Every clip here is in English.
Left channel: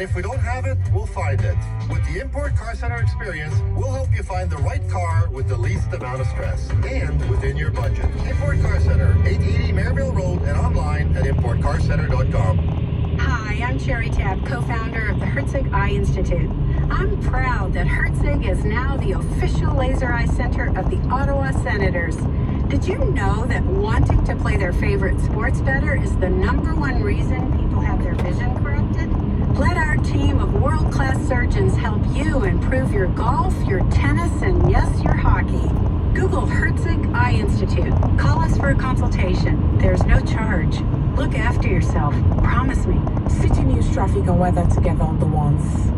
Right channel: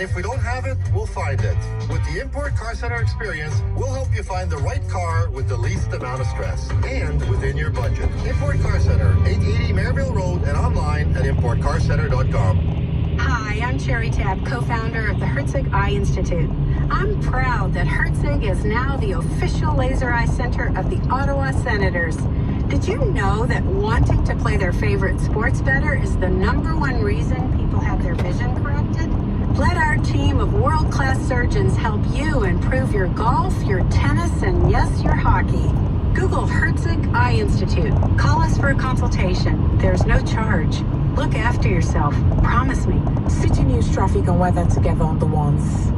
And if we don't have it, we'll find it. With the Import Car Center experience, we'll help you find the right car with the least amount of stress and within your budget. Import Car Center, 880 Maryville Road, and online at importcarcenter.com. Hi, I'm Cherry Tab, co-founder of the Herzig Eye Institute. I'm proud that Herzig is now the official laser eye center of the Ottawa Senators. Did you know that wanting to play their favorite sports better is the #1 reason people have their vision corrected? Let our team of world-class surgeons help you improve your golf, your tennis, and yes, your hockey. Google Herzig Eye Institute. Call us for a consultation. There's no charge. Look after yourself. Promise me. City News traffic and weather together on the ones.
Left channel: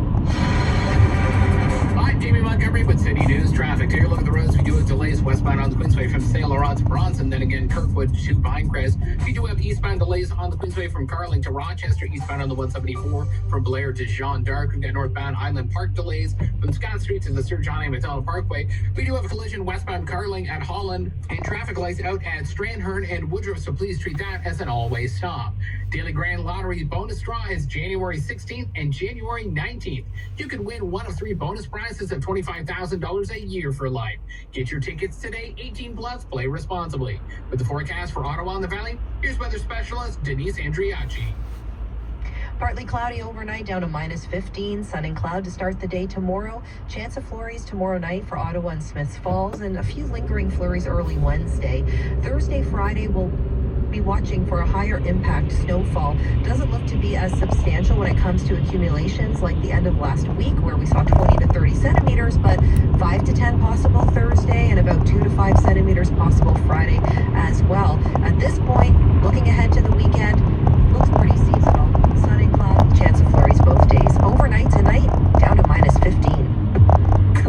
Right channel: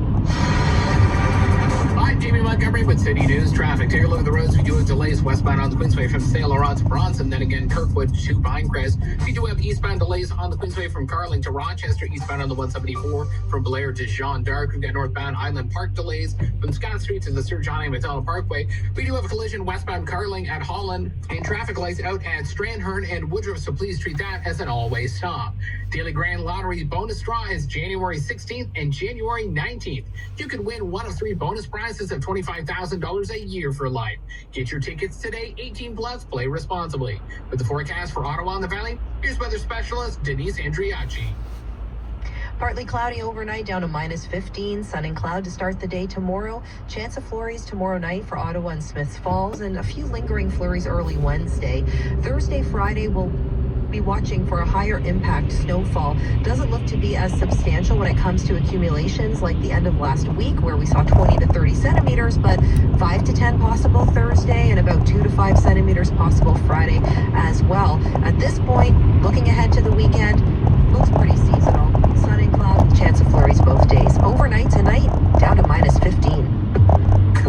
I'm Jamie Montgomery with City News traffic. Take a look at the roads. We do have delays westbound on the Queensway from St. Laurent to Bronson, then again Kirkwood to Pinecrest. We do have eastbound delays on the Queensway from Carling to Rochester, eastbound on the 174 from Blair to Jean d'Arc. We've got northbound Island Park delays from Scott Street to the Sir John A. Macdonald Parkway. We do have a collision westbound Carling at Holland and traffic lights out at Strandhern and Woodruff, so please treat that as an all-way stop. Daily Grand Lottery bonus draw is January 16th and January 19th. You can win one of 3 bonus prizes of $25,000 a year for life. Get your tickets today, 18 plus, play responsibly. With the forecast for Ottawa and the Valley, here's weather specialist Denise Andriacci. Partly cloudy overnight down to -15. Sun and cloud to start the day tomorrow. Chance of flurries tomorrow night for Ottawa and Smiths Falls, and a few lingering flurries early Wednesday. Thursday, Friday will be watching for a higher impact snowfall. Doesn't look to be as substantial when it comes to accumulations like the end of last week where we saw 20 to 30 centimeters, but 5 to 10 possible Thursday and about 2 to 5 centimeters possible Friday as well. At this point, looking ahead to the weekend, looks pretty seasonal. Sun and cloud, chance of flurries both days. Overnight tonight, down to -15.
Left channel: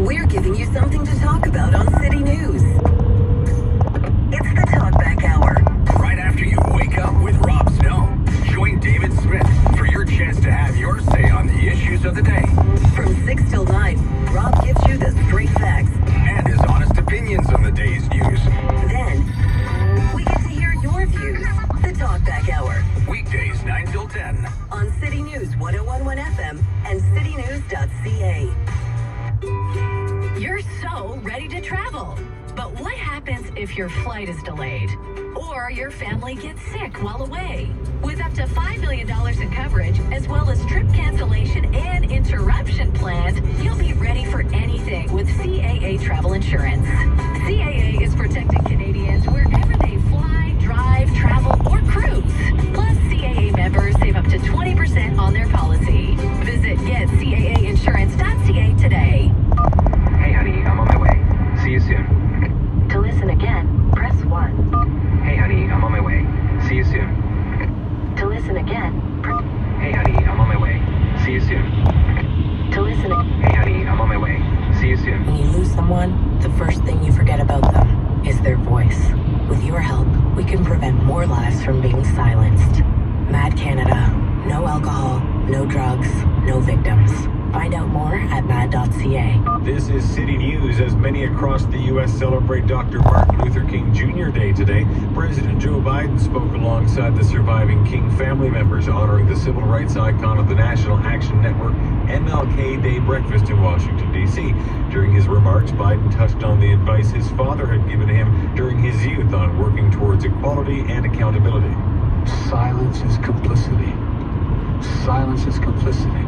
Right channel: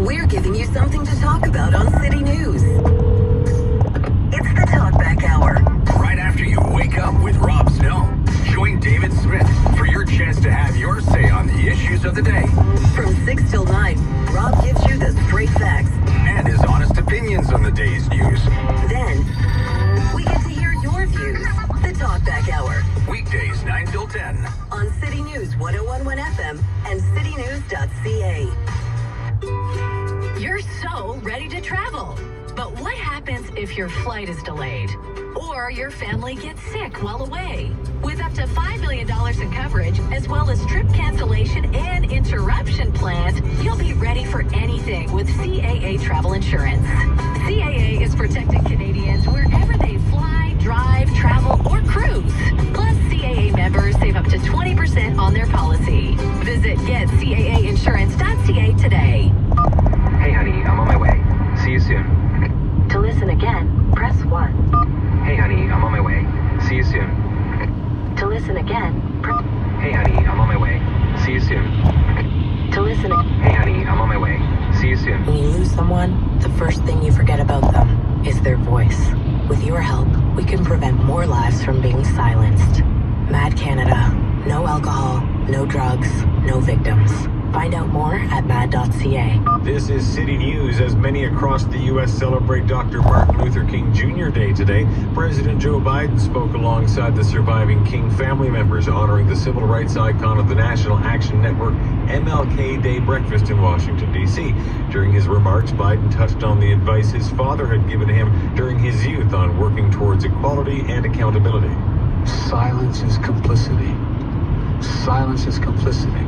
We're giving you something to talk about on City News. It's the Talkback Hour. Right after you wake up with Rob Snow, join David Smith for your chance to have your say on the issues of the day. From 6 till 9, Rob gives you the straight facts. And his honest opinions on the day's news. Then, we get to hear your views. The Talkback Hour. Weekdays 9 till 10. On City News 101.1 FM and citynews.ca. You're so ready to travel. But what happens if your flight is delayed? Or your family gets sick while away? With up to $5 million in coverage, as well as trip cancellation and interruption plans, you'll be ready for anything with CAA Travel Insurance. CAA is protecting Canadians wherever they fly, drive, travel, or cruise. Plus, CAA members save up to 20% on their policy. Visit getcaAinsurance.ca today. Hey honey, I'm on my way. See you soon. To listen again, press 1. Hey honey, I'm on my way. See you soon. To listen again, Hey honey, I'm on my way. See you soon. to listen again. Hey honey, I'm on my way. See you soon. When you lose someone, the first thing you forget about them is their voice. With your help, we can prevent more lives from being silenced. Mad Canada. No alcohol, no drugs, no victims. Find out more at mad.ca. This is City News. As many across the U.S. celebrate Dr. Martin Luther King Jr. Day today, President Joe Biden spoke alongside the surviving King family members, honoring the civil rights icon at the National Action Network MLK Day breakfast in Washington, D.C. During his remarks, Biden touched on the advice his father had given him during his youth on working towards equality and accountability. Silence is complicity. Silence is complicity.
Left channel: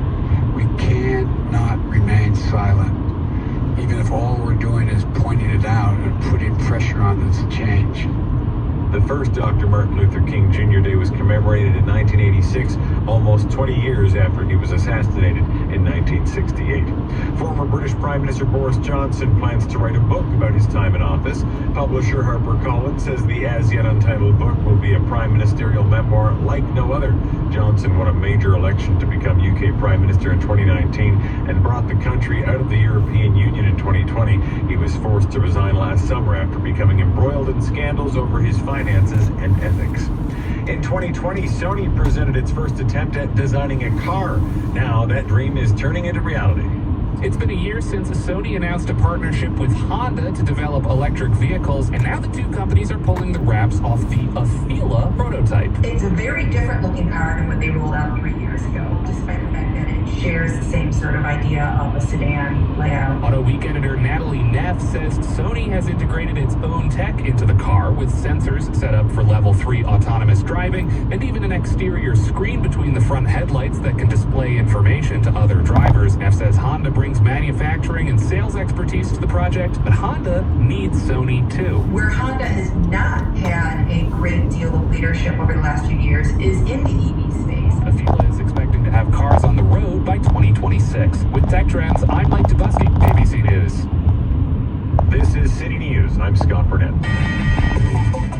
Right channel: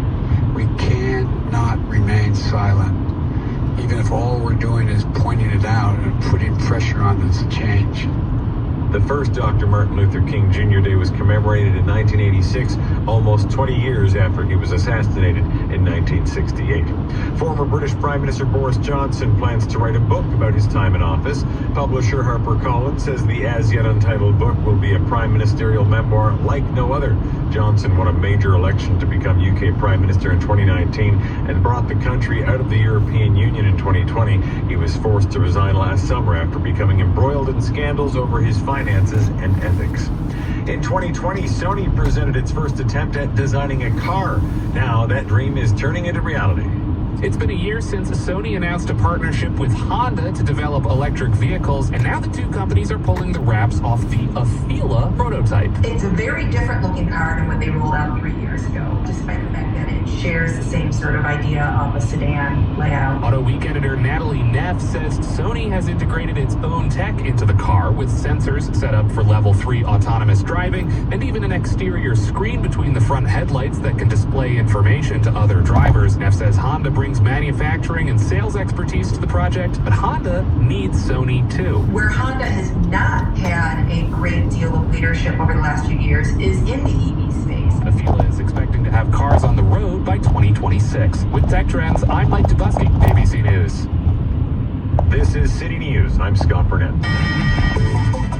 We cannot remain silent, even if all we're doing is pointing it out and putting pressure on it to change. The first Dr. Martin Luther King Jr. Day was commemorated in 1986, almost 20 years after he was assassinated in 1968. Former British Prime Minister Boris Johnson plans to write a book about his time in office. Publisher HarperCollins says the as-yet untitled book will be a prime ministerial memoir like no other. Johnson won a major election to become UK Prime Minister in 2019 and brought the country out of the European Union in 2020. He was forced to resign last summer after becoming embroiled in scandals over his finances and ethics. In 2020, Sony presented its first attempt at designing a car. Now that dream is turning into reality. It's been a year since Sony announced a partnership with Honda to develop electric vehicles, and now the two companies are pulling the wraps off the Afeela prototype. It's a very different looking car than what they rolled out 3 years ago, despite the fact that it shares the same sort of idea of a sedan layout. Auto Week editor Natalie Neff says Sony has integrated its own tech into the car with sensors set up for level 3 autonomous driving and even an exterior screen between the front headlights that can display information to other drivers. Neff says Honda brings manufacturing and sales expertise to the project, but Honda needs Sony too. Where Honda has not had a great deal of leadership over the last few years is in the EV space. Affila is expecting to have cars on the road by 2026. With Tech Trends, I'm Mike Dubusky, ABC News. This is City News. I'm Scott Burnett.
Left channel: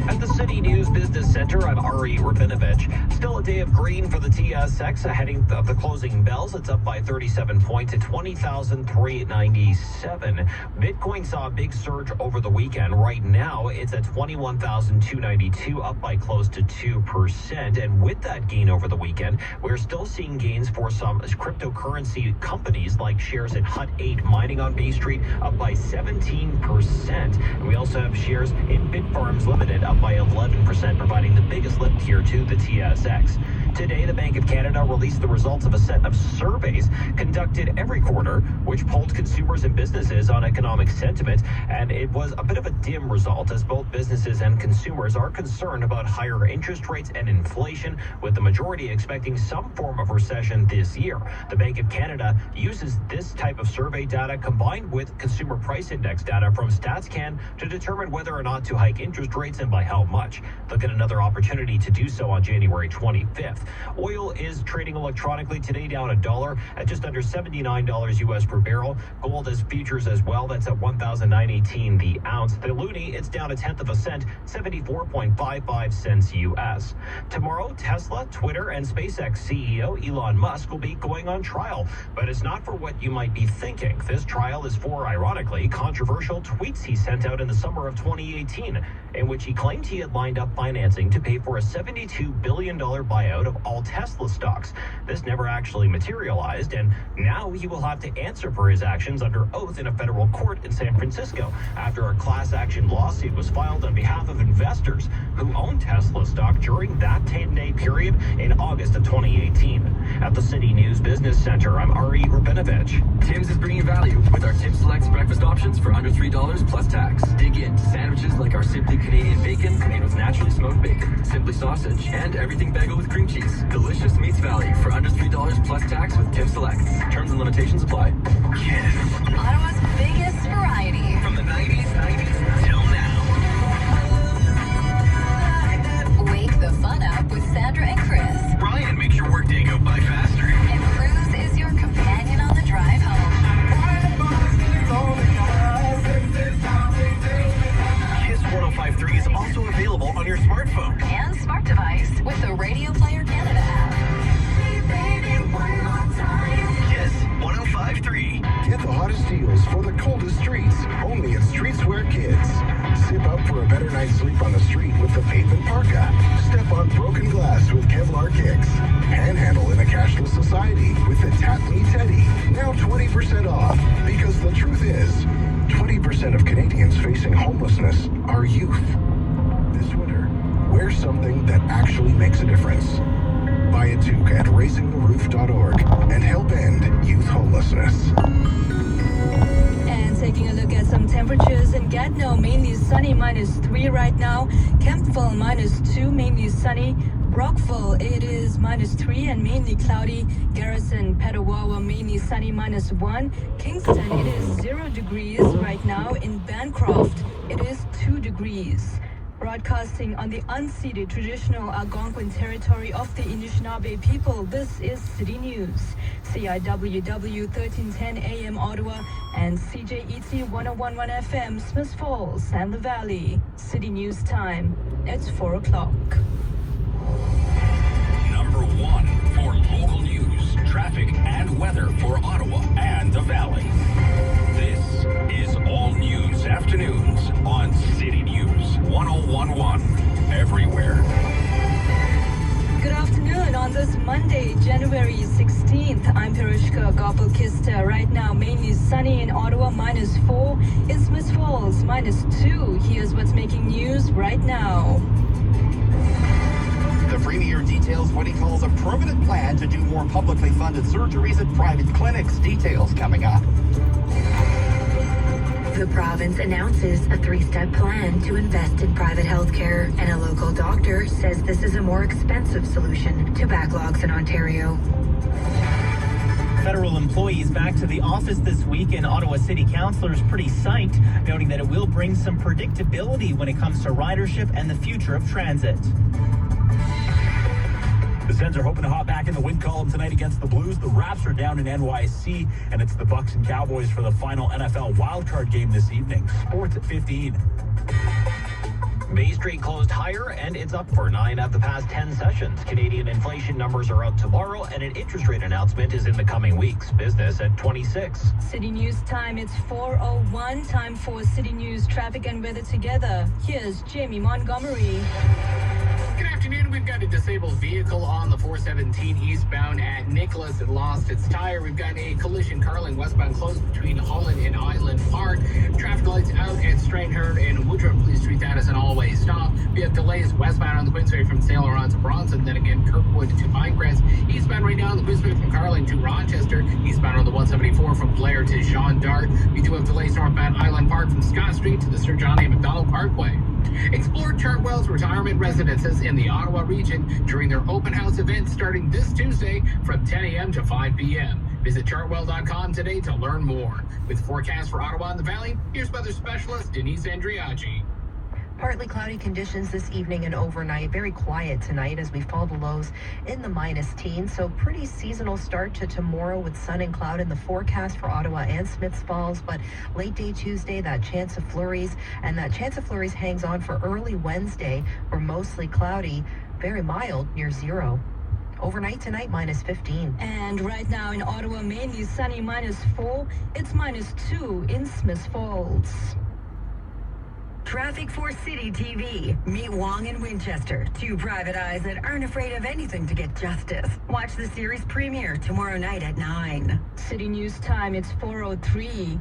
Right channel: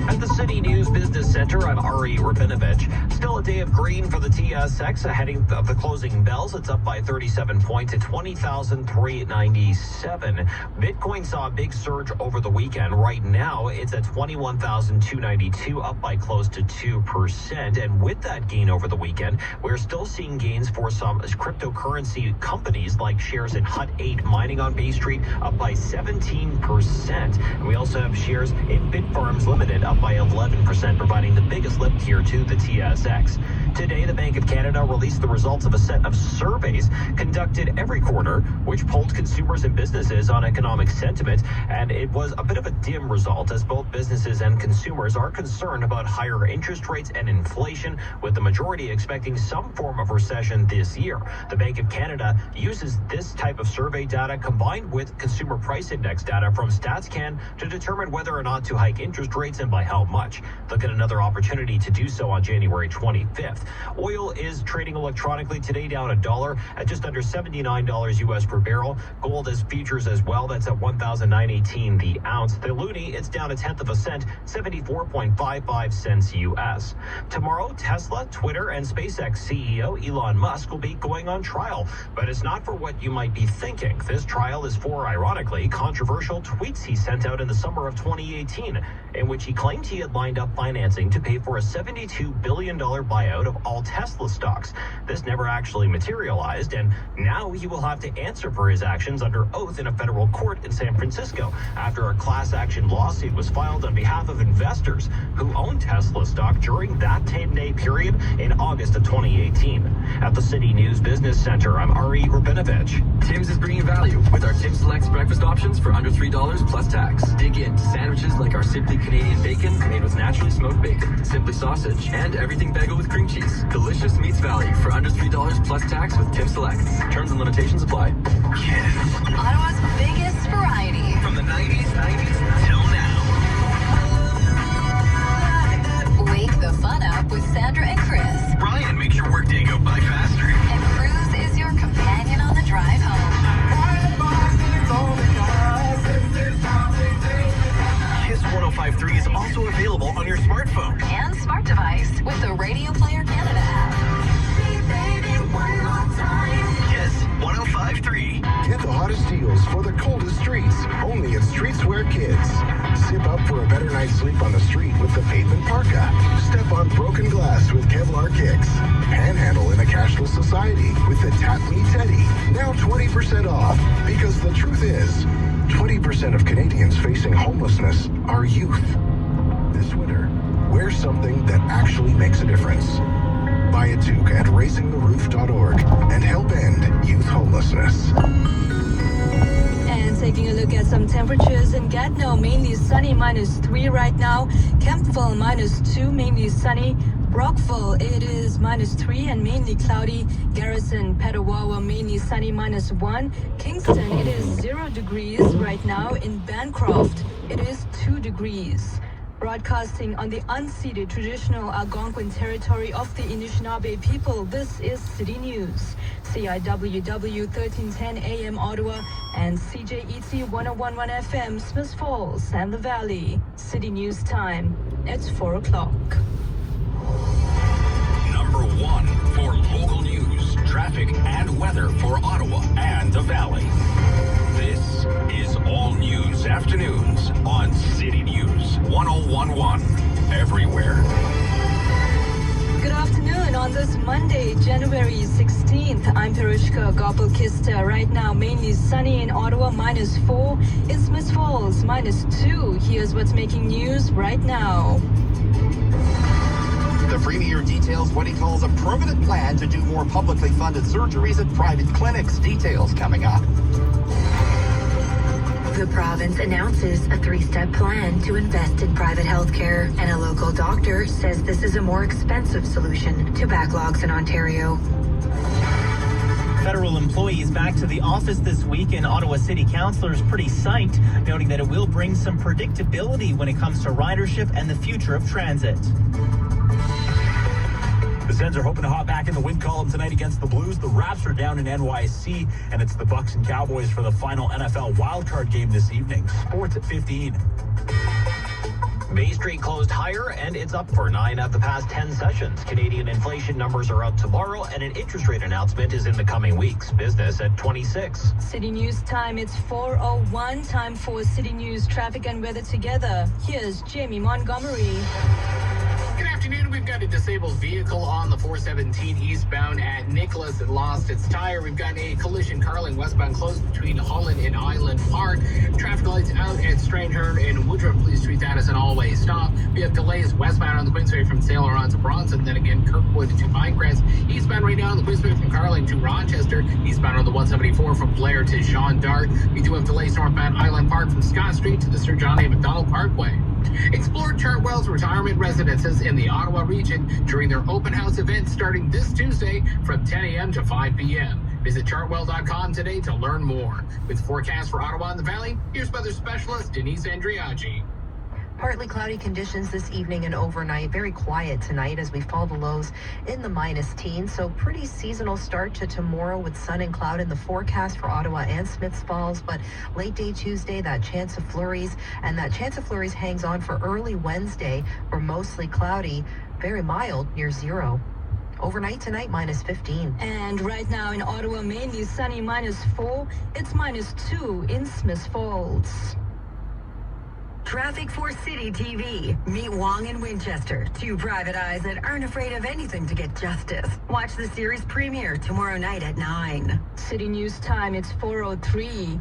At the City News Business Center, I'm Ari Rabinovich. Still a day of green for the TSX ahead of the closing bells. It's up by 37 points at 20,397. Bitcoin saw a big surge over the weekend. Right now, it's at 21,292, up by close to 2%. And with that gain over the weekend, we're still seeing gains for some cryptocurrency companies like shares in Hut 8 mining on Bay Street, up by 17%. We also have shares in Bitfarms Limited up by 11%, providing the biggest lift here to the TSX. Today, the Bank of Canada released the results of a set of surveys conducted every quarter, which polled consumers and businesses on economic sentiment, and it was a bit of a dim result as both businesses and consumers are concerned about higher interest rates and inflation, with the majority expecting some form of recession this year. The Bank of Canada uses this type of survey data combined with consumer price index data from StatsCan to determine whether or not to hike interest rates and by how much. Look at another opportunity to do so on January 25th. Oil is trading electronically today down $1 at just under $79 US per barrel. Gold is futures as well. That's at $1,918 the ounce. The loonie, it's down 1/10 cent, 74.55 cents US. Tomorrow, Tesla, Twitter, and SpaceX CEO Elon Musk will be going on trial, but it's not for what you might be thinking. This trial is for, ironically, controversial tweets he sent out in the summer of 2018, in which he claimed he had lined up financing to pay for a $72 billion buyout of all Tesla stocks. This never actually materialized, and now he will have to answer for his actions under oath in a federal court in San Francisco after a class action lawsuit was filed on behalf of investors who owned Tesla stock during that 10-day period in August of 2018. At the City News Business Center, I'm Ari Rabinovich. Tim's is bringing value with our Tim Selects breakfast options for under $3 plus tax. Dig into sandwiches like our Simply Canadian bacon made with naturally smoked bacon, Simply sausage, and everything bagel with cream cheese. Delicious meets value for under $3 plus tax with Tim Selects. Terms and limitations apply. Ottawa's biggest variety. From the 90s till now. Wake the fun up with Sandra and Chris. Brian makes your workday go by faster. And Cruz is your companion on the drive home. Kiss 105.3 is also available on your smartphone And smart device with the Radio Player Canada app. Kiss 105.3. Get the hottest deals for the coldest streets, only at Streetswear Kids. Sip up for a better night's sleep on the street with the pavement parka. Step on broken glass with Kevlar kicks. Panhandle in a cashless society with the Tap Me Teddy. Now 20% off, because the truth is, 20% of Canadians facing homelessness are youth. This winter, wear something that actually makes a difference. Buy a toque at raisingtheroof.org and help end youth homelessness. And taking a look at some temperatures in Gatineau, mainly sunny, -3 right now. Kemptville, -2, mainly sunny. Brockville, it is -3 and mainly cloudy. Garrison, Petawawa, mainly sunny, -1. Kingston, it is 0 degrees right now. In Bancroft, it is 2 degrees. Broadcasting on the unceded traditional Algonquin territory of the Anishinaabe people, this is City News. CIWW 1310 AM Ottawa and CJET 1011 FM Smith Falls and the Valley. City News time. It's 4 o'clock. Number 1 for local news, traffic, and weather for Ottawa and the Valley. This is All News Afternoons on City News 1011. Everywhere. Good afternoon on this Monday, January 16th. I'm Perushka Gopalkista. Right now, mainly sunny in Ottawa, -4. In Smith Falls, -2. Here's what's making news right now. The Premier details what he calls a permanent plan to do more publicly funded surgeries at private clinics. Details coming up. The province announces a 3-step plan to invest in private healthcare, and a local doctor says this is a more expensive solution to backlogs in Ontario. Federal employees back to the office this week, and Ottawa City Councillors pretty psyched, noting that it will bring some predictability when it comes to ridership and the future of transit. The Sens are hoping to hop back in the win column tonight against the Blues. The Raps are down in NYC, and it's the Bucks and Cowboys for the final NFL wildcard game this evening. Sports at 15. Bay Street closed higher, and it's up for 9 of the past 10 sessions. Canadian inflation numbers are out tomorrow, and an interest rate announcement is in the coming weeks. Business at 26. City News time, it's 4:01. Time for City News traffic and weather together. Here's Jamie Montgomery. Good afternoon. We've got a disabled vehicle on the 417 eastbound at Nicholas. It lost its tire. We've got a collision Carling westbound close between Holland and Island Park. Traffic lights out at Stranger and Woodruff Police Street. That is an all-way stop. We have delays westbound on the Queensway from Saint Laurent to Bronson. Then again, Kirkwood to Pinecrest. Eastbound right now on the Queensway from Carling to Rochester. Eastbound on the 174 from Blair to Jean d'Arc. We do have delays northbound Island Park from Scott Street to the Sir John A. Macdonald Parkway. Explore Chartwell's retirement residences in the Ottawa region during their open house event starting this Tuesday from 10 a.m. to 5 p.m. Visit chartwell.com today to learn more. With forecast for Ottawa and the Valley, here's weather specialist Denise Andriaggi. Partly cloudy conditions this evening and overnight. Very quiet tonight as we fall the lows in the minus teens. So pretty seasonal start to tomorrow with sun and cloud in the forecast for Ottawa and Smiths Falls. But late day Tuesday, that chance of flurries. And that chance of flurries hangs on for early Wednesday. We're mostly cloudy, very mild near 0. Overnight tonight, minus 15. And right now in Ottawa, mainly sunny, -4. It's -2 in Smiths Falls. Traffic for City TV. Meet Wong and Winchester, 2 private eyes that aren't afraid of anything to get justice. Watch the series premiere tomorrow night at 9. City News time, it's 4:03.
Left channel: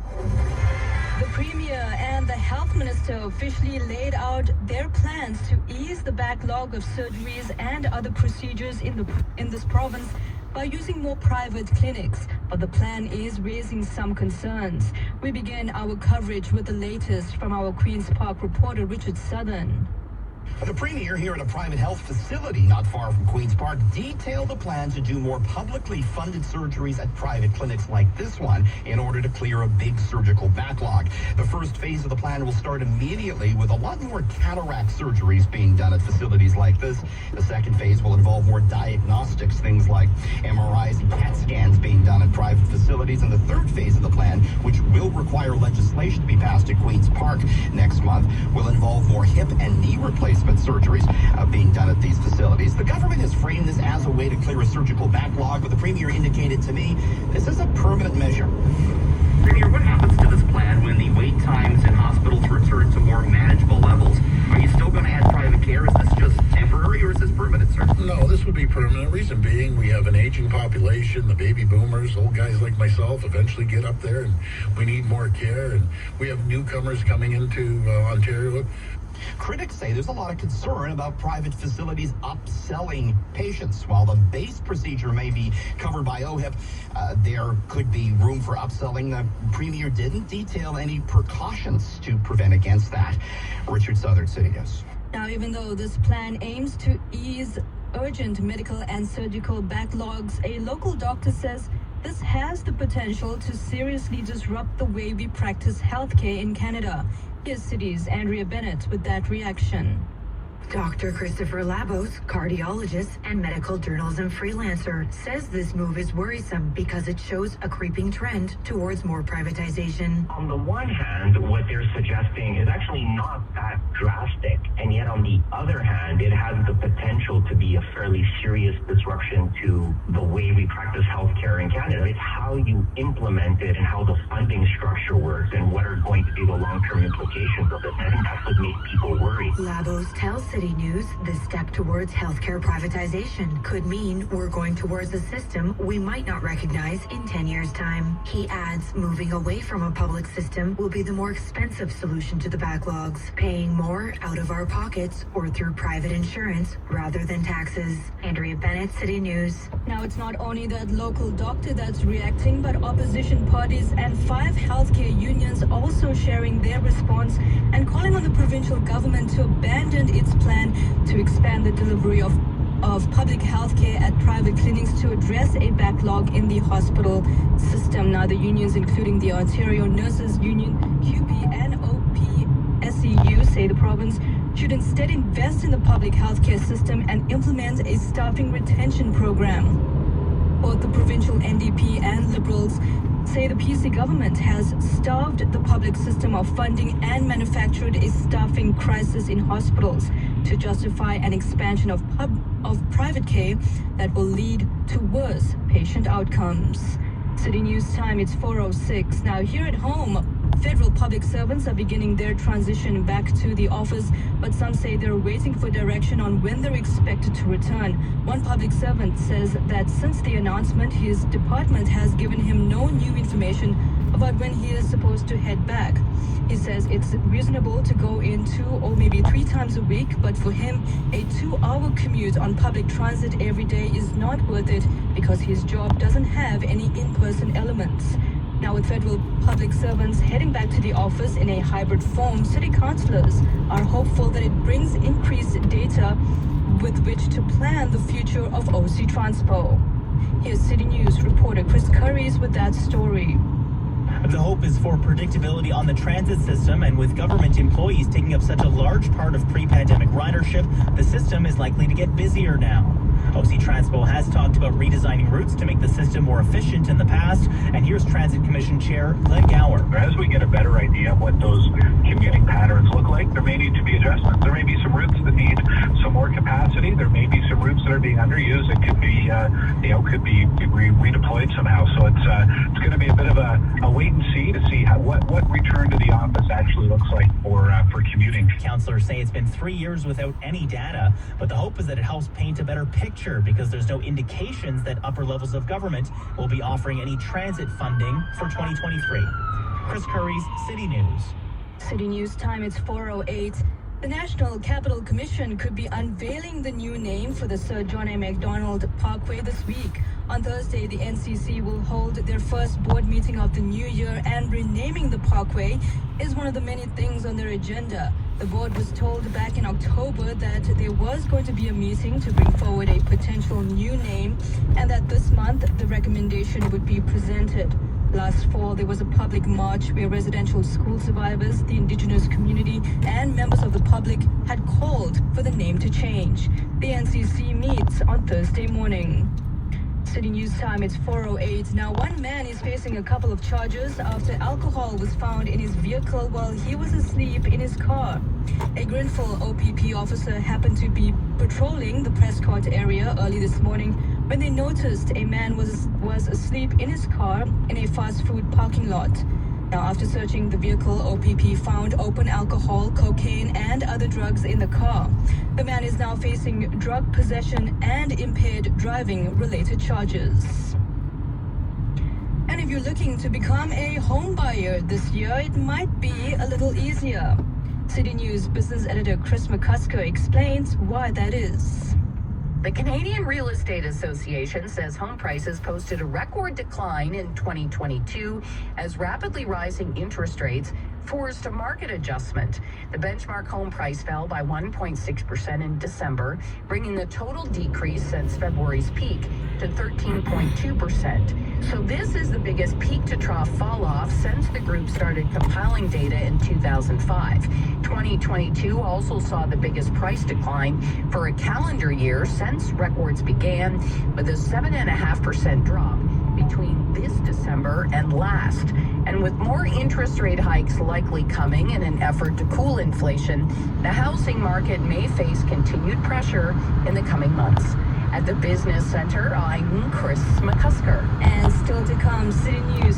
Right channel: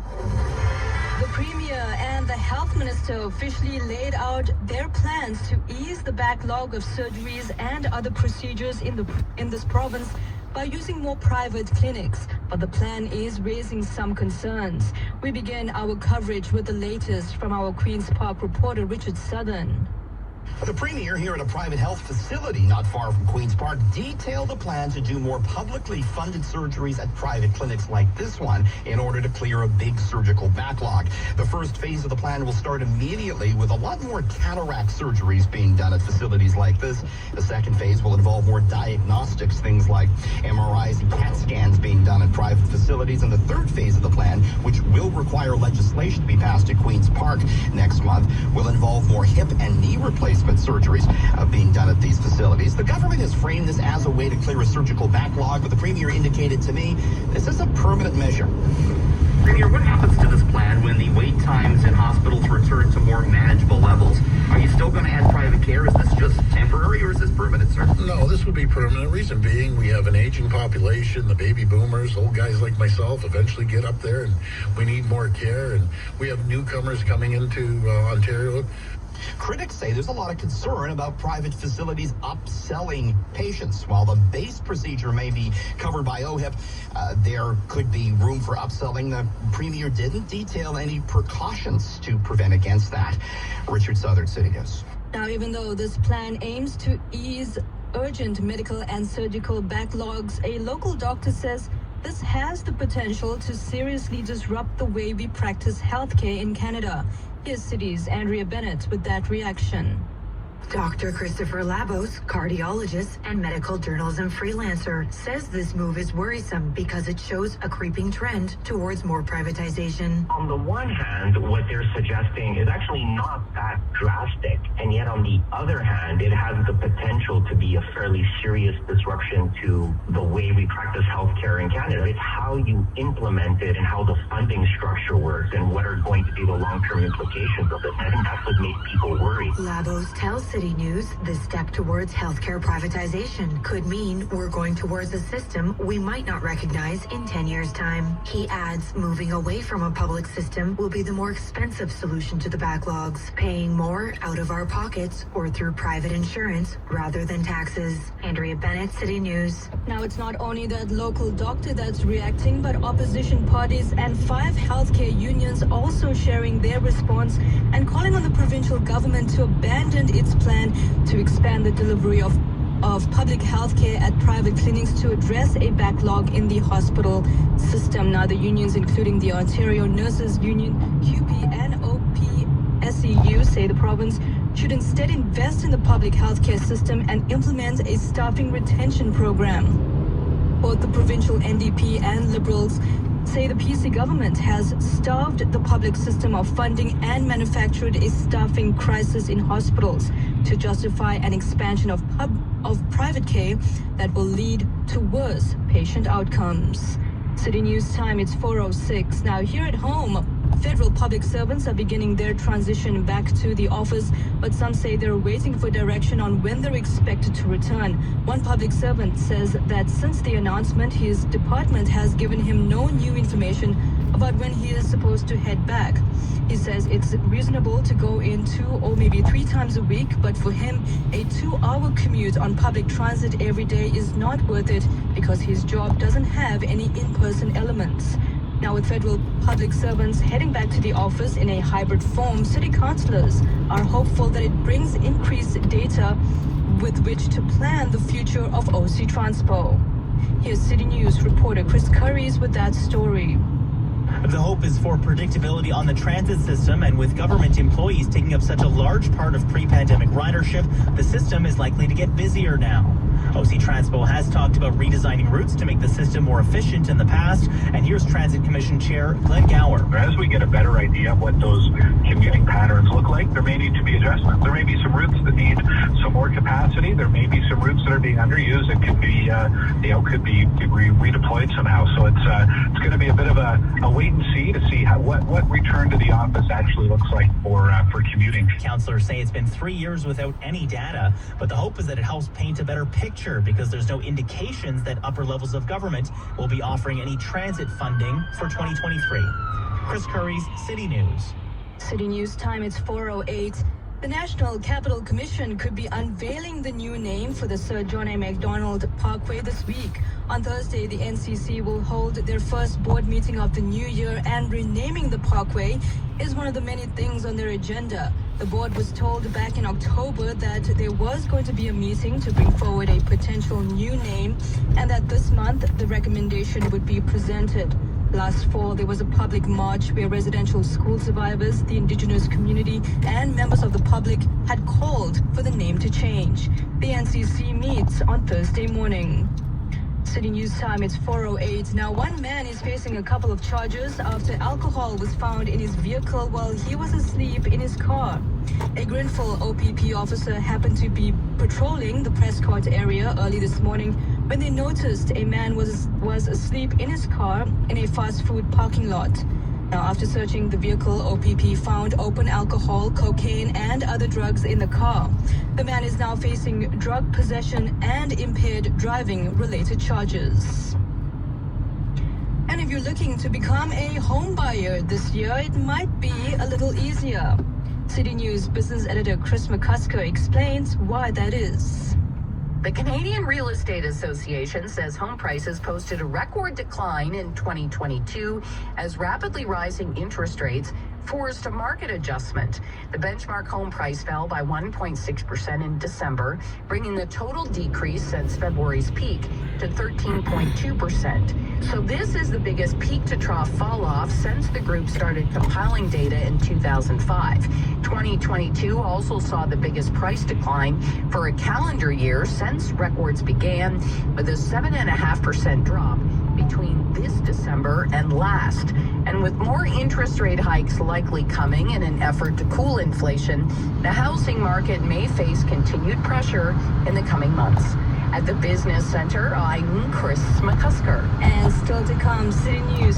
The Premier and the Health Minister officially laid out their plans to ease the backlog of surgeries and other procedures in this province by using more private clinics, but the plan is raising some concerns. We begin our coverage with the latest from our Queen's Park reporter, Richard Southern. The Premier here at a private health facility not far from Queen's Park detailed a plan to do more publicly funded surgeries at private clinics like this one in order to clear a big surgical backlog. The first phase of the plan will start immediately with a lot more cataract surgeries being done at facilities like this. The second phase will involve more diagnostics, things like MRIs and CAT scans being done at private facilities. And the third phase of the plan, which will require legislation to be passed at Queen's Park next month, will involve more hip and knee replacement surgeries being done at these facilities. The government has framed this as a way to clear a surgical backlog, but the Premier indicated to me this is a permanent measure. Premier, what happens to this plan when the wait times in hospitals return to more manageable levels? Are you still going to have private care? Is this just temporary or is this permanent, sir? No, this would be permanent. Reason being, we have an aging population, the baby boomers, old guys like myself eventually get up there and we need more care, and we have newcomers coming into Ontario. Critics say there's a lot of concern about private facilities upselling patients. While the base procedure may be covered by OHIP, there could be room for upselling. The Premier didn't detail any precautions to prevent against that. Richard Southern, City News. Now, even though this plan aims to ease urgent medical and surgical backlogs, a local doctor says this has the potential to seriously disrupt the way we practice healthcare in Canada. Here's City's Andrea Bennett with that reaction. Dr. Christopher Labos, cardiologist and medical journalism freelancer, says this move is worrisome because it shows a creeping trend towards more privatization. On the one hand, what they're suggesting is actually not that drastic, and yet on the other hand, it has the potential to be a fairly serious disruption to the way we practice healthcare in Canada. It's how you implemented and how the funding structure works and what are going to be the long-term implications of this. I think that's what makes people worry. Labos tells City News the step towards healthcare privatization could mean we're going towards a system we might not recognize in 10 years' time. He adds moving away from a public system will be the more expensive solution to the backlogs, paying more out of our pockets or through private insurance rather than taxes. Andrea Bennett, City News. Now, it's not only that local doctor that's reacting, but opposition parties and 5 healthcare unions also sharing their response and calling on the provincial government to abandon its plan to expand the delivery of public health care at private clinics to address a backlog in the hospital system. Now, the unions, including the Ontario Nurses Union, QP and OPSEU, say the province should instead invest in the public health care system and implement a staffing retention program. Both the provincial NDP and Liberals say the PC government has starved the public system of funding and manufactured a staffing crisis in hospitals to justify an expansion of private care that will lead to worse patient outcomes. City News time, it's 4:06. Now, here at home, federal public servants are beginning their transition back to the office, but some say they're waiting for direction on when they're expected to return. One public servant says that since the announcement, his department has given him no new information about when he is supposed to head back. He says it's reasonable to go in 2 or maybe 3 times a week, but for him, a 2-hour commute on public transit every day is not worth it because his job doesn't have any in-person elements. Now, with federal public servants heading back to the office in a hybrid form, city councillors are hopeful that it brings increased data with which to plan the future of OC Transpo. Here's City News reporter Chris Curries with that story. The hope is for predictability on the transit system, and with government employees taking up such a large part of pre-pandemic ridership, the system is likely to get busier now. OC Transpo has talked about redesigning routes to make the system more efficient in the past, and here's Transit Commission Chair Glenn Gower. As we get a better idea of what those commuting patterns look like, there may need to be adjustments. There may be some routes that need some more capacity. There may be some routes that are being underused and could be, could be redeployed somehow. So it's going to be a bit of a wait and see to see what return to the office actually looks like for commuting. Councillors say it's been 3 years without any data, but the hope is that it helps paint a better picture because there's no indications that upper levels of government will be offering any transit funding for 2023. Chris Curries, City News. City News time, it's 4:08. The National Capital Commission could be unveiling the new name for the Sir John A. Macdonald Parkway this week. On Thursday, the NCC will hold their first board meeting of the new year, and renaming the parkway is one of the many things on their agenda. The board was told back in October that there was going to be a meeting to bring forward a potential new name, and that this month the recommendation would be presented. Last fall, there was a public march where residential school survivors, the Indigenous community, and members of the public had called for the name to change. The NCC meets on Thursday morning. City News time, it's 4:08. Now, one man is facing a couple of charges after alcohol was found in his vehicle while he was asleep in his car. A Grenfell OPP officer happened to be patrolling the Prescott area early this morning when they noticed a man was asleep in his car in a fast food parking lot. Now, after searching the vehicle, OPP found open alcohol, cocaine, and other drugs in the car. The man is now facing drug possession and impaired driving related charges. And if you're looking to become a home buyer this year, it might be a little easier. City News business editor Chris McCusker explains why that is. The Canadian Real Estate Association says home prices posted a record decline in 2022 as rapidly rising interest rates forced a market adjustment. The benchmark home price fell by 1.6% in December, bringing the total decrease since February's peak to 13.2%. So this is the biggest peak-to-trough fall-off since the group started compiling data in 2005. 2022 also saw the biggest price decline for a calendar year since records began, with a 7.5% drop between this December and last. And with more interest rate hikes likely coming in an effort to cool inflation, the housing market may face continued pressure in the coming months. At the Business Center, I'm Chris McCusker. And still to come, City News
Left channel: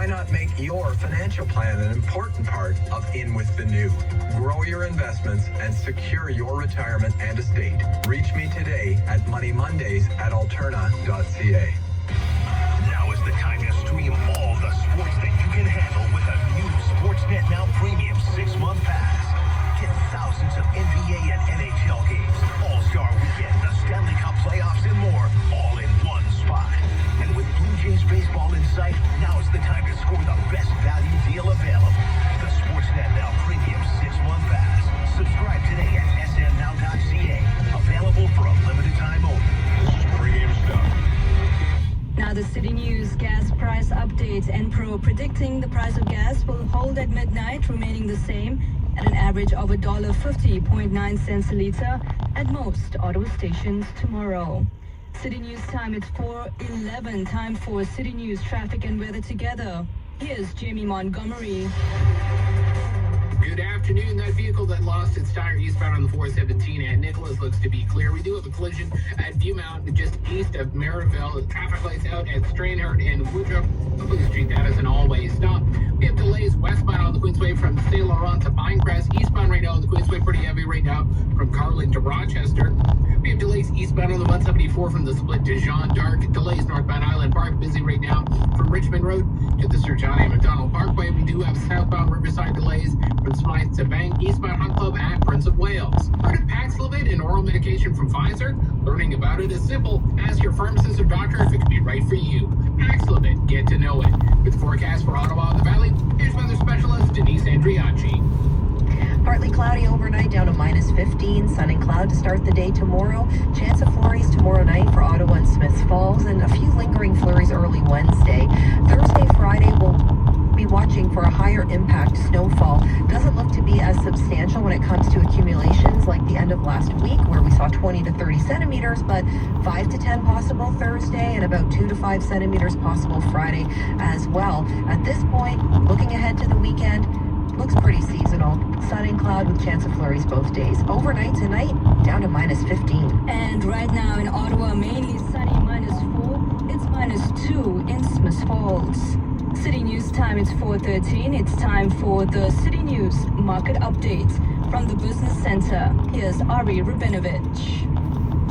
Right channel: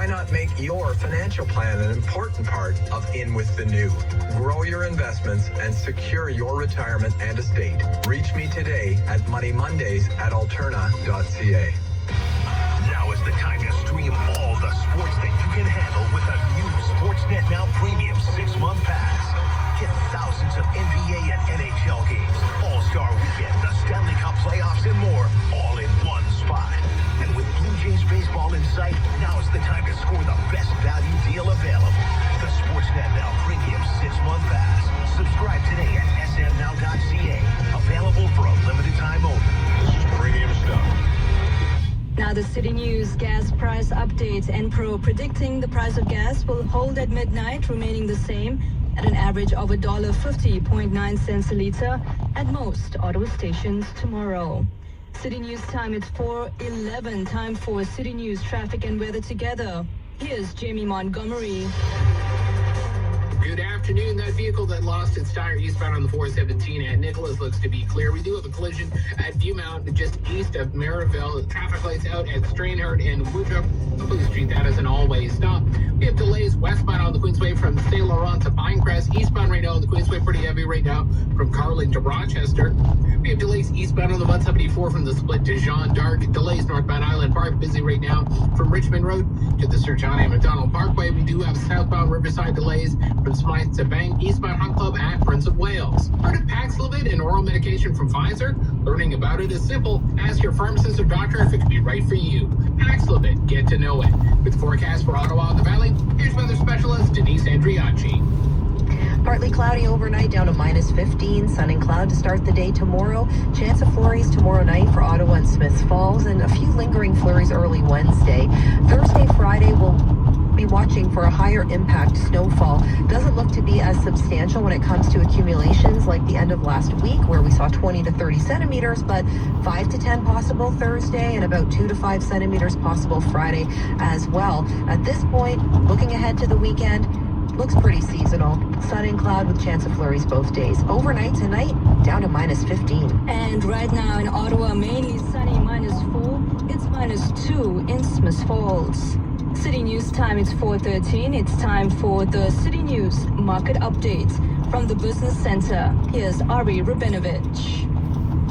Why not make your financial plan an important part of In With the New? Grow your investments and secure your retirement and estate. Reach me today at moneymondays@alterna.ca. Now is the time to stream all the sports that you can handle with a new Sportsnet Now Premium 6-month pass. Get thousands of NBA and NHL games, All-Star Weekend, the Stanley Cup playoffs, and more, all in one spot. And with Blue Jays baseball in sight, now is the time to score the best value deal available. The Sportsnet Now Premium 6-month pass. Subscribe today at smnow.ca. Available for a limited time only. This is premium stuff. Now the City News gas price update. Enpro predicting the price of gas will hold at midnight, remaining the same at an average of $1.50.9 a liter at most Ottawa stations tomorrow. City News time, it's 4:11. Time for City News traffic and weather together. Here's Jamie Montgomery. Good afternoon. That vehicle that lost its tire eastbound on the 417 at Nicholas looks to be clear. We do have a collision at Viewmount just east of Maryville. Traffic lights out at Stranhart and Woodruff. Street, that is an all-way stop. We have delays westbound on the Queensway from St. Laurent to Pinecrest. Eastbound right now on the Queensway, pretty heavy right now from Carling to Rochester. We have delays eastbound on the 174 from the split to Jean d'Arc. Delays northbound Island Park, busy right now from Richmond Road to the Sir John A. Macdonald Parkway. We do have southbound Riverside delays from Smythe to Bank, eastbound Hunt Club at Prince of Wales. Heard of Paxlovid and oral medication from Pfizer? Learning about it is simple. Ask your pharmacist or doctor if it can be right for you. Paxlovid, get to know it. With forecast for Ottawa and the Valley, here's weather specialist Denise Andriacci. Partly cloudy overnight down to -15. Sun and cloud to start the day tomorrow. Chance of flurries tomorrow night for Ottawa and Smiths Falls, and a few lingering flurries early Wednesday. Thursday, Friday, we'll be watching for a higher impact snowfall. Doesn't look to be as substantial when it comes to accumulations like the end of last week, where we saw 20 to 30 centimeters, but 5 to 10 possible Thursday and about 2 to 5 centimeters possible Friday as well. At this point, looking ahead to the weekend, looks pretty seasonal. Sun and cloud with chance of flurries both days. Overnight tonight, down to -15. And right now in Ottawa, mainly sunny, -4. It's -2 in Smiths Falls. City News time, it's 4:13. It's time for the City News market update from the Business Center. Here's Ari Rubinovich.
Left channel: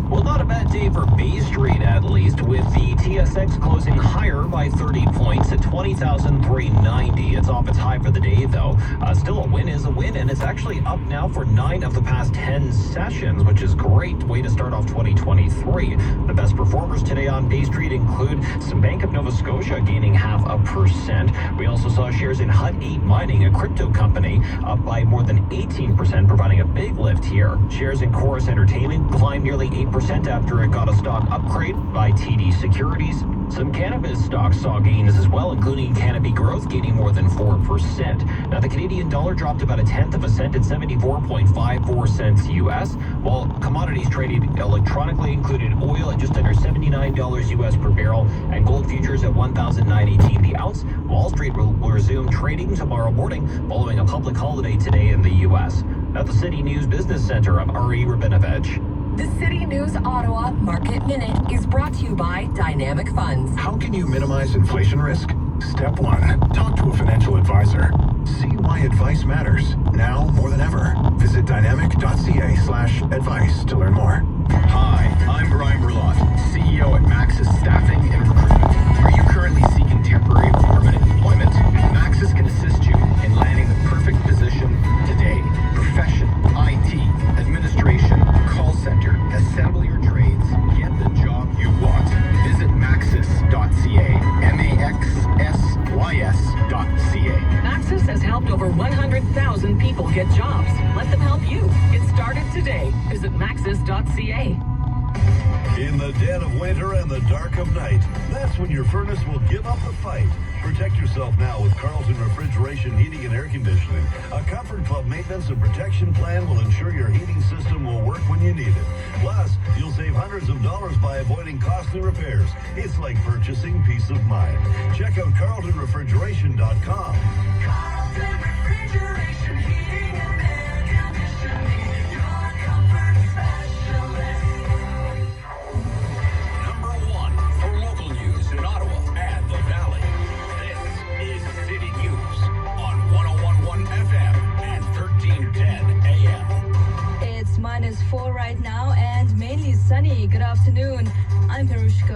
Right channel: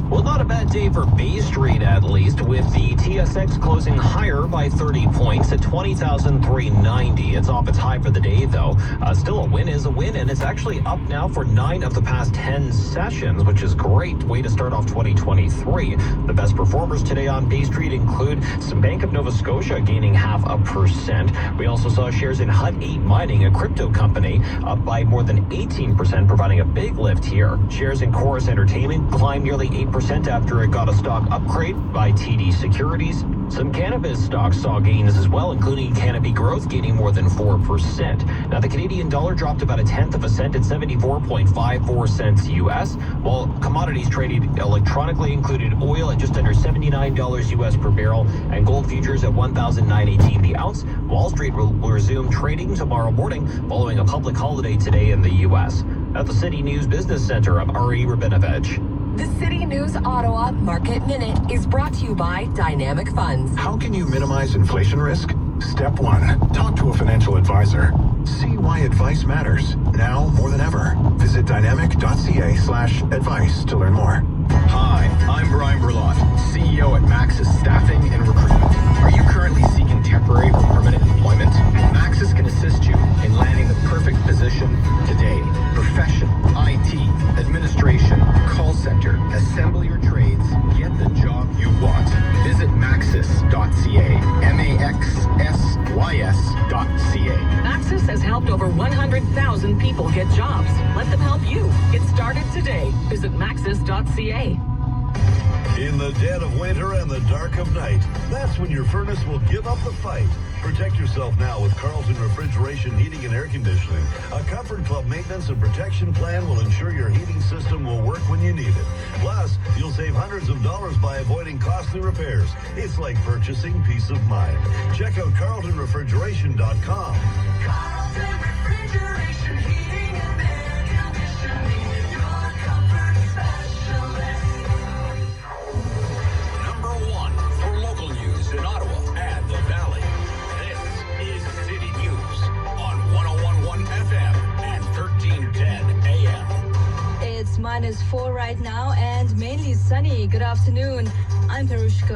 Well, not a bad day for Bay Street, at least, with the TSX closing higher by 30 points at 20,390. It's off its high for the day, though. Still, a win is a win, and it's actually up now for 9 of the past 10 sessions, which is great way to start off 2023. The best performers today on Bay Street include some Bank of Nova Scotia gaining 0.5%. We also saw shares in Hut 8 Mining, a crypto company, up by more than 18%, providing a big lift here. Shares in Chorus Entertainment climbed nearly 8% after it got a stock upgrade by TD Securities. Some cannabis stocks saw gains as well, including Canopy Growth gaining more than 4%. Now, the Canadian dollar dropped about 1/10 of a cent at 74.54 cents US, while commodities traded electronically included oil at just under $79 US per barrel and gold futures at $1,918 the ounce. Wall Street will resume trading tomorrow morning following a public holiday today in the US. At the City News Business Center, I'm Ari Rubinovich. The City News Ottawa Market Minute is brought to you by Dynamic Funds. How can you minimize inflation risk? Step 1. Talk to a financial advisor. See why advice matters, now more than ever. Visit dynamic.ca/advice to learn more. Hi, I'm Brian Berlot, CEO at Maxis Staffing and Recruitment. Are you currently seeking temporary or permanent employment? Maxis can assist you in landing the perfect position today. Profession, IT, administration, call center, assembly or trades. Get the job you want. Visit maxis.ca. maxsys.ca. Maxis has helped over 100,000 people get jobs. Let them help you. Get started today. Visit maxis.ca. In the dead of winter and the dark of night, that's when your furnace will give up the fight. Protect yourself now with Carlton Refrigeration Heating and Air Conditioning. A Comfort Club maintenance and protection plan will ensure your heating system will work when you need it. Plus, you'll save hundreds of dollars by avoiding costly repairs. It's like purchasing peace of mind. Check out carltonrefrigeration.com. Carlton Refrigeration Heating and Air Conditioning, your comfort specialist. Number 1 for local news in Ottawa and the Valley. This is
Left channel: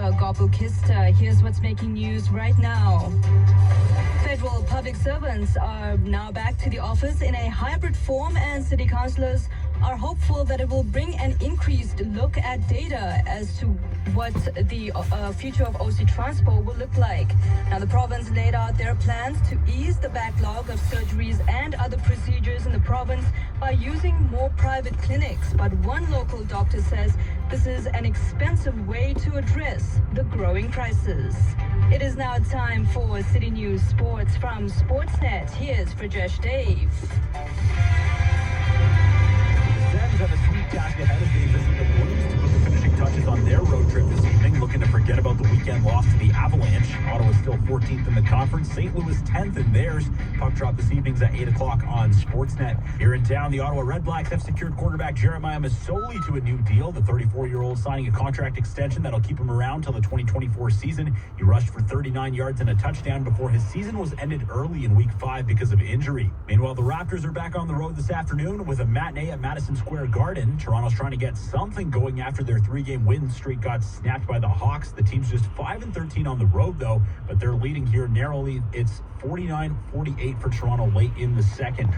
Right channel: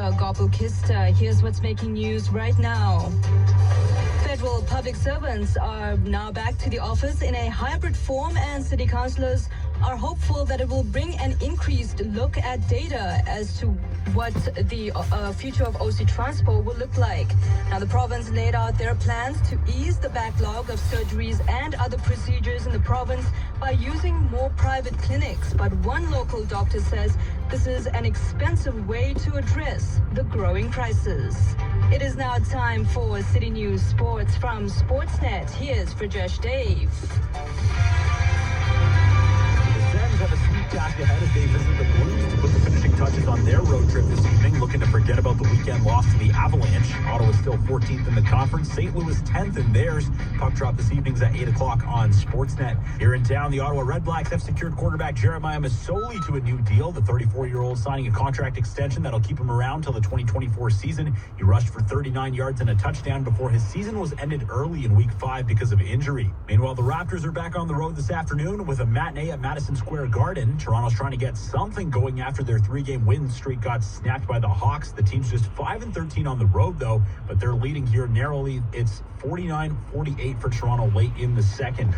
Gobelkista. Here's what's making news right now. Federal public servants are now back to the office in a hybrid form, and city councillors are hopeful that it will bring an increased look at data as to what the future of OC Transport will look like. Now, the province laid out their plans to ease the backlog of surgeries and other procedures in the province by using more private clinics. But one local doctor says this is an expensive way to address the growing crisis. It is now time for City News Sports from Sportsnet. Here's Frijesh Dave. The Sens have a sweet task ahead as they visit the Blues to put the finishing touches on their road trip this evening, looking to forget about the weekend loss to the Avalanche. Ottawa is still 14th in the conference, St. Louis 10th in theirs. Puck drop this evening's at 8 o'clock on Sportsnet. Here in town, the Ottawa Redblacks have secured quarterback Jeremiah Masoli to a new deal. The 34-year-old signing a contract extension that'll keep him around till the 2024 season. He rushed for 39 yards and a touchdown before his season was ended early in Week 5 because of injury. Meanwhile, the Raptors are back on the road this afternoon with a matinee at Madison Square Garden. Toronto's trying to get something going after their 3-game win streak got snapped by the Hawks. The team's just 5-13 on the road, though, but they're leading here narrowly. It's 49-48 for Toronto late in the second.